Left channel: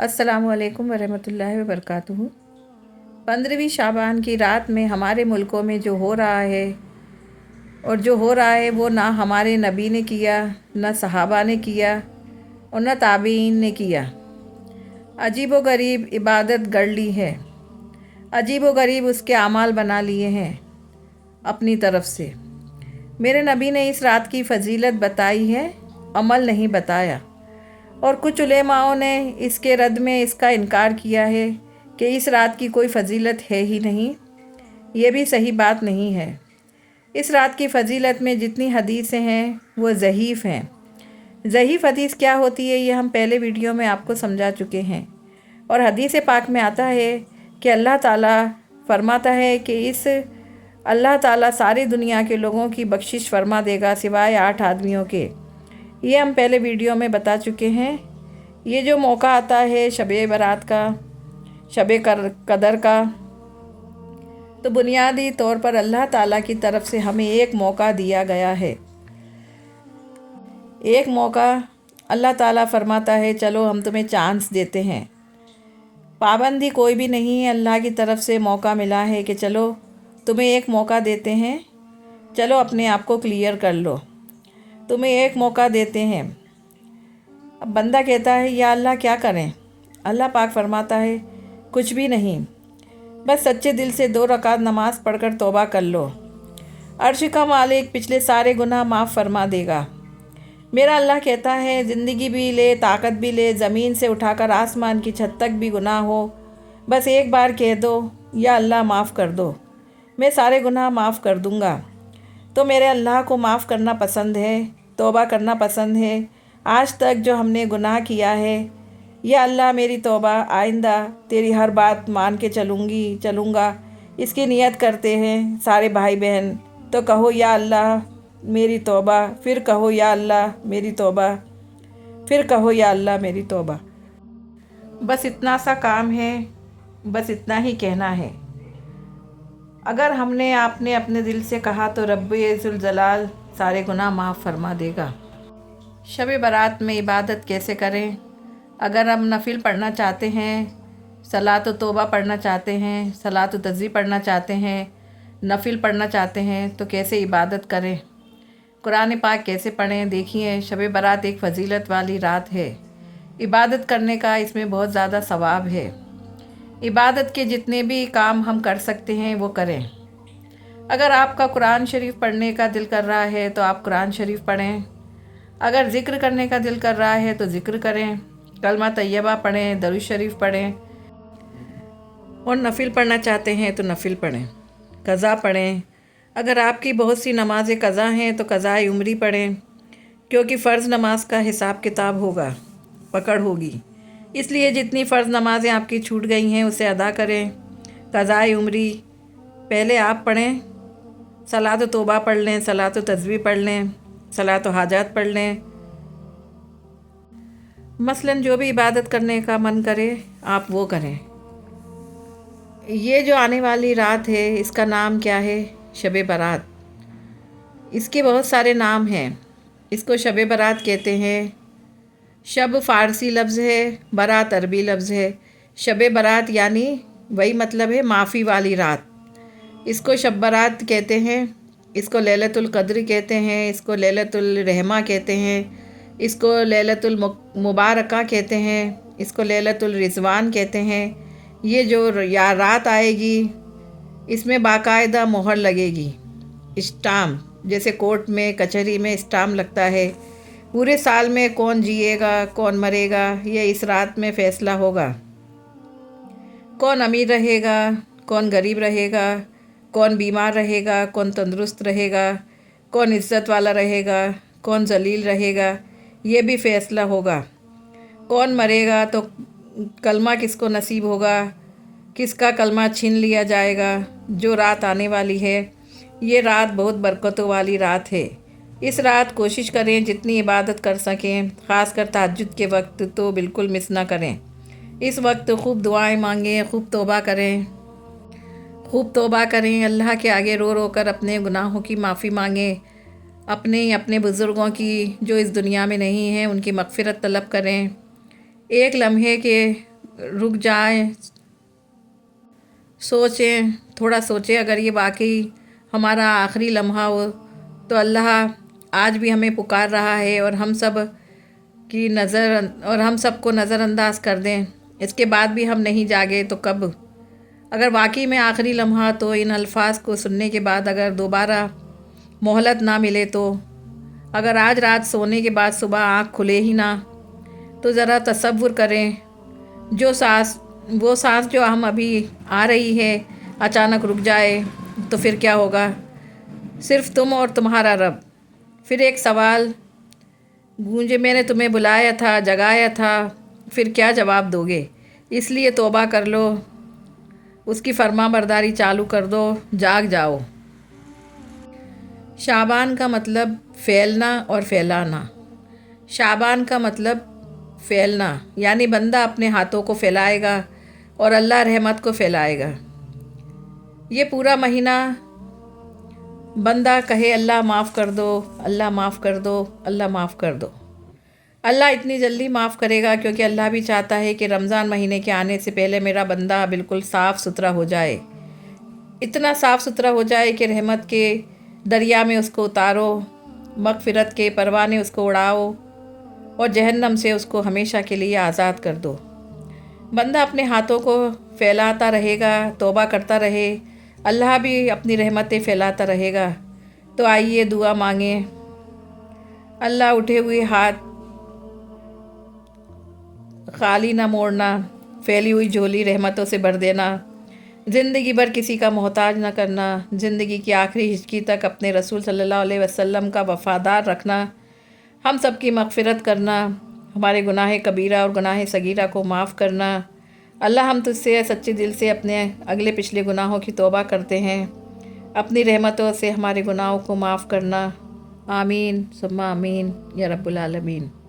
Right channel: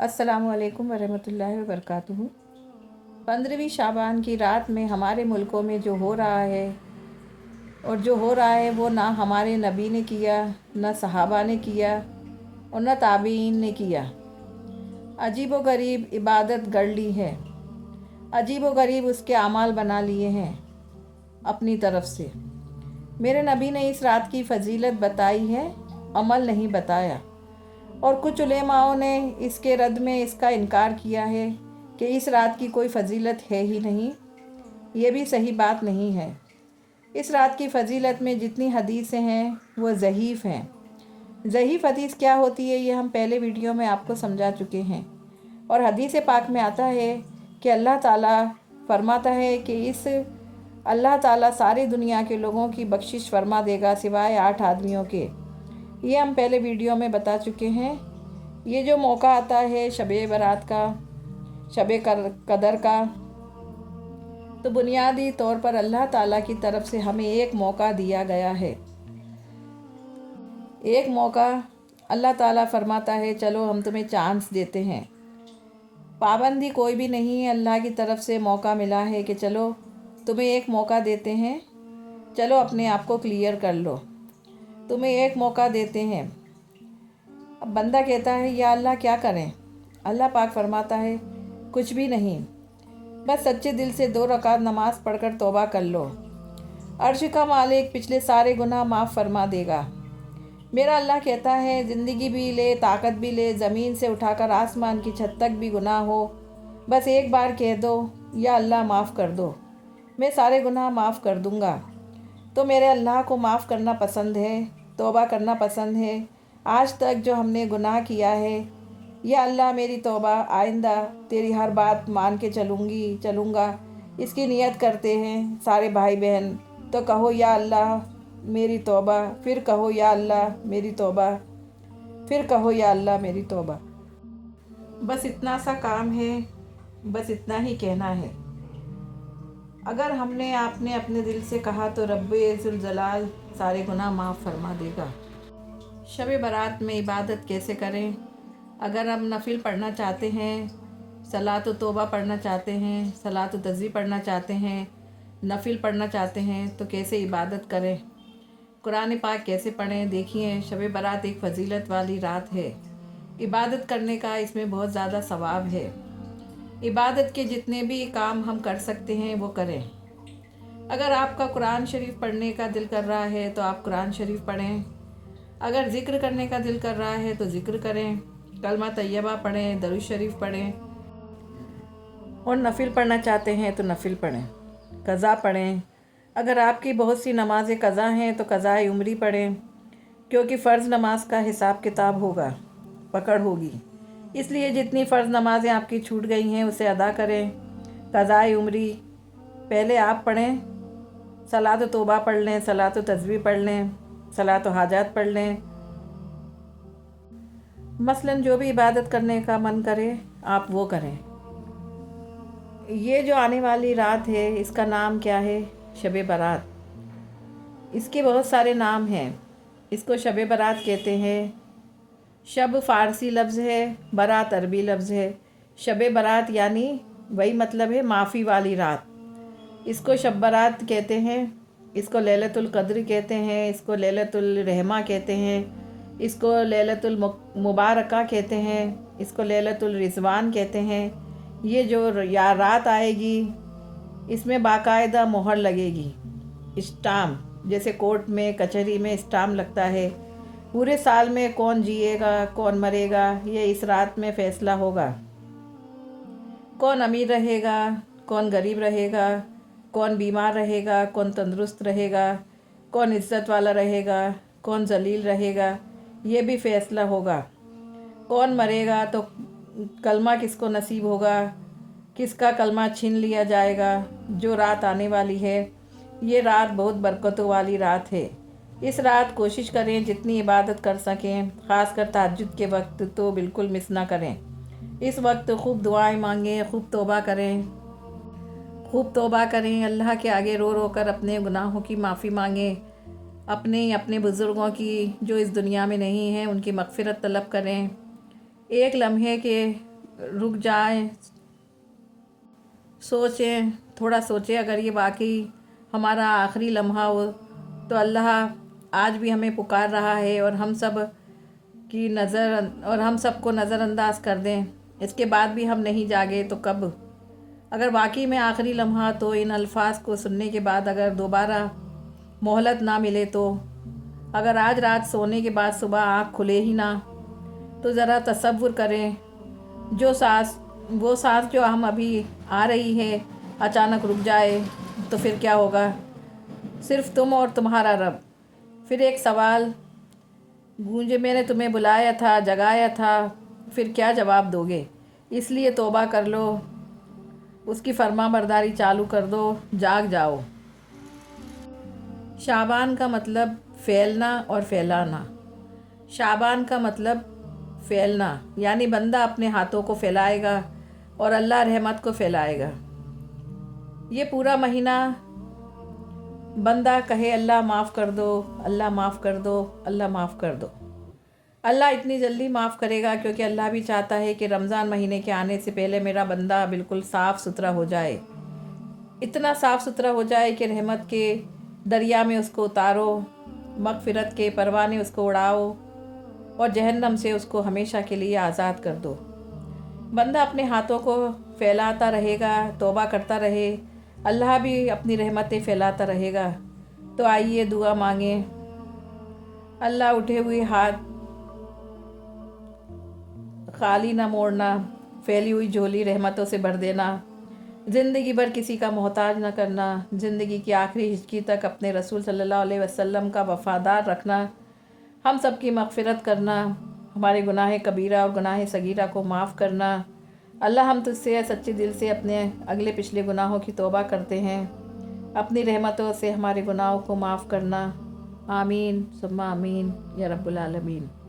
अस्सलामु अलैकुम वरहमतुल्लाहि वबरकातुहू। 15वीं शाबान की रात में हमारे मुल्कों में जो हो रहा है और जो हो रहा है वो ना हमारे नबी ने किया, ना सहाबा ने किया और ना ताबीन ने किया। अजीब व गरीब इबादत गढ़ ली है, अजीब व गरीब उसके अमाल बना लिए हैं अपनी तरफ से। मेरे नबी ने इस रात की फजीलत बताई है, अमल नहीं बताया। और कुछ उलेमाओं ने इसके रद्द में इसका इनकार किया है कि इस रात की कोई फजीलत है ही नहीं। ये भी सही बात नहीं है। इस रात की फजीलत में जितनी हदीसें हैं वो ज़ईफ़ हैं। ज़ईफ़ हदीस क्या होती है ये हम पहले वीडियो में आपको समझा चुके हैं। और हदीस पाक में आता है कि अल्लाह ताला फरमाता है कि इस अल्लाह ताला सारी दुनिया के लोगों की बख्शिश फरमा देगा सिवाय 8 आदमियों के। ये हम पहले वीडियो में बता चुके हैं। ये जो मौका आता है शबे बारात का, शबे कदर का, तो बुनियादी तौर पर अल्लाह ताला की तरफ से हमें एक मौका दिया गया है। एक मौका अल्लाह ताला फरमाता है चलो हम तुम्हें चांस देते हैं। पाबंदी कोई भी नहीं है, अल्लाह की तरफ से मौका मिला है कि चलो तुम्हें एक मौका देते हैं, चलो अपने आप को क्लियर कर लो, तुम्हें एक मौका देते हैं। अब बंदा कहता है या अल्लाह क्या करें? अल्लाह पाक फरमाता है कुछ भी नहीं, बस सच्चे दिल से 2 रकात नमाज पढ़कर तौबा कर लो। अर्श का मालिक पिछले सारे गुनाह माफ़ फरमा देगा। मेरा अल्लाह कहता है ज़िंदगी भी ले, ताकत भी ले, ज़मीन से उठाकर आसमान की छत तक भी गुनाह हो, बस एक बार कह दो या अल्लाह माफ़ कर दो, मैं सारे गुनाह माफ़ कर दूँगा। तो मेरे अल्लाह को माफ़ करना पसंद है, तौबा करना पसंद है। आज तक जो हमने गुनाह किया है, या अल्लाह मेरी तौबा, आइंदा तेरी हर बात मान के चलूँगा, इसकी नियत करते हैं सारे भाई बहन। तो कहो या अल्लाह मेरी तौबा, फिर कहो या अल्लाह मेरी तौबा, फिर कहो या अल्लाह मेरी तौबा। बस इतना सा काम है, बस इतना ही कहना है। अगर हमने आपने अपने दिल से कहा तो रब्बुल जलाल सारे गुनाह माफ़ फरमा देगा। शब बारात में इबादत कैसे करें? अगर हम नफिल पढ़ना चाहते हैं, सलात व तौबा पढ़ना चाहते हैं, सलात व तस्बीह पढ़ना चाहते हैं, नफिल पढ़ना चाहते हैं, तो कैसे इबादत करें? कुरान पाक कैसे पढ़ें? देखिए, शब बारात एक फ़जीलत वाली रात है। इबादत करने का इसमें बहुत ज़्यादा सवाब है। इबादत के जितने भी काम हम कर सकते हैं वो करें। अगर आपका कुरान शरीफ पढ़ने का दिल कर रहा है तो आप कुरान शरीफ पढ़ें। अगर ज़िक्र करने का दिल कर रहा है तो ज़िक्र करें, कलमा तैयबा पढ़ें, दरूद शरीफ पढ़ें। और नफिल पढ़ना चाहते हैं तो नफिल पढ़ें, क़ज़ा पढ़ें। अगर आपकी बहुत सी नमाज़ें क़ज़ा हैं तो क़ज़ाए उम्री पढ़ें, क्योंकि फ़र्ज़ नमाज का हिसाब किताब होगा, पकड़ होगी। इसलिए जितनी फ़र्ज़ नमाज़ें आपकी छूट गई हैं उसे अदा करें। क़ज़ाए उम्री पहले आप पढ़ें, सलात व तौबा पढ़ लें, सलात व तस्बीह पढ़ लें, सलात व हाजात पढ़ लें। मसलन जो भी इबादत करने का मन करे आप वो करें। ये जो आने वाली रात है इसका नाम क्या है? शब बारात। इसके बहुत सारे नाम हैं। इसको शब बारात कहते हैं। शब फ़ारसी लफ्ज़ है, बारात अरबी लफ्ज़ है। शब बारात यानी वही मतलब है माफ़ी वाली रात। इसको शब बारात कहते हैं, इसको लैलतुल क़द्र कहते हैं, इसको लैलतुल रहमा कहते हैं, इसको लैलतुल मुबारका कहते हैं, इसको लैलतुल रिज़वान कहते हैं। ये जो या रात आएगी इसमें बाकायदा मोहर लगेगी, स्टाम्प, जैसे कोर्ट में कचहरी में स्टाम्प लगता है। पूरे साल में कौन जिएगा कौन मरेगा ये इस रात में फ़ैसला होगा। कौन अमीर रहेगा कौन गरीब रहेगा, कौन बीमार रहेगा कौन तंदुरुस्त रहेगा, कौन इज़्ज़त वाला रहेगा कौन जलील रहेगा, ये भी फ़ैसला होगा। कौन मरेगा तो कलमा किसको नसीब होगा, किसका कलमा छीन लिया जाएगा। जो रात आने वाली है ये रात बहुत बरकतों वाली रात है। इस रात कोशिश करें जितनी इबादत कर सकें, ख़ासकर तहज्जुद के वक्त तो बिल्कुल मिस ना करें। इस वक्त खूब दुआएं मांगें, खूब तौबा करें, खूब तौबा करें। अल्लाह के आगे रो रो कर अपने गुनाहों की माफ़ी मांगें। अपने बुज़ुर्गों की जो इस दुनिया में नहीं हैं उनकी मग़फ़िरत तलब करें। एक लम्हे के رک جائیں، سوچیں، تھوڑا سوچیں، اگر یہ واقعی ہمارا آخری لمحہ ہو تو اللہ آج بھی ہمیں پکار رہا ہے اور ہم سب کو نظر انداز کر دیں، اس کے بعد بھی ہم نہیں جاگے تو کب؟ اگر واقعی میں آخری لمحہ تو ان الفاظ کو سننے کے بعد اگر دوبارہ مہلت نہ ملے تو، اگر آج رات سونے کے بعد صبح آنکھ کھلے ہی نہ، تو ذرا تصور کریں وہ سانس جو ہم ابھی آ رہی ہے اچانک رک جائے تو پھر کیا ہوگا؟ صرف تم اور تمہارا رب۔ پھر ایک سوال گونجے، میں نے تمہیں بلایا تھا، جگایا تھا، پھر کیا جواب دو گے؟ اس لیے توبہ کر لو، اس کی فرما برداری چالو کر دو، جاگ جاؤ۔ شعبان کا مطلب پھیلنا اور پھیلانا۔ شعبان کا مطلب پھیلنا، یعنی بندہ اپنے ہاتھوں کو پھیلائے گا اور اللہ رحمت کو پھیلائے گا۔ یہ پورا مہینہ بندہ کہے اللہ معاف کر دو، اللہ معاف کر دو، اللہ معاف کر دو۔ اللہ اتنی جلدی معاف کرے گا کیونکہ اللہ بھی چاہتا ہے کہ رمضان مہینے کے آنے سے پہلے میرا بندہ بالکل صاف ستھرا ہو جائے، اتنا صاف ستھرا ہو جائے کہ رحمت کے دریا میں اس کو اتارو، مغفرت کے پروانے اس کو اڑاؤ اور جہنم سے اس کو ہمیشہ کے لیے آزاد کر دو۔ بندہ اپنے ہاتھوں کو پھیلاتا رہے گا، توبہ کرتا رہے، اللہ بھی اپنی رحمتیں پھیلاتا رہے گا۔ تو آئیے دعا مانگیں۔ اللہ اٹھے ہوئے ہاتھ خالی نہ موڑنا، پھیلی ہوئی جھولی رحمتوں سے بھر دینا، زندگی بھر کسی کا محتاج نہ کرنا، زندگی کی آخری ہچکی تک اپنے رسول صلی اللہ علیہ وسلم کا وفادار رکھنا، ہم سب کی مغفرت کرنا، ہمارے گناہ کبیرہ اور گناہ صغیرہ کو معاف کرنا۔ اللہ ہم تجھ سے سچے دل سے اپنے اگلے پچھلے گناہوں کی توبہ کرتے ہیں، اپنی رحمتوں سے ہمارے گناہوں کو معاف کرنا۔ آمین ثم آمین یا رب العالمین۔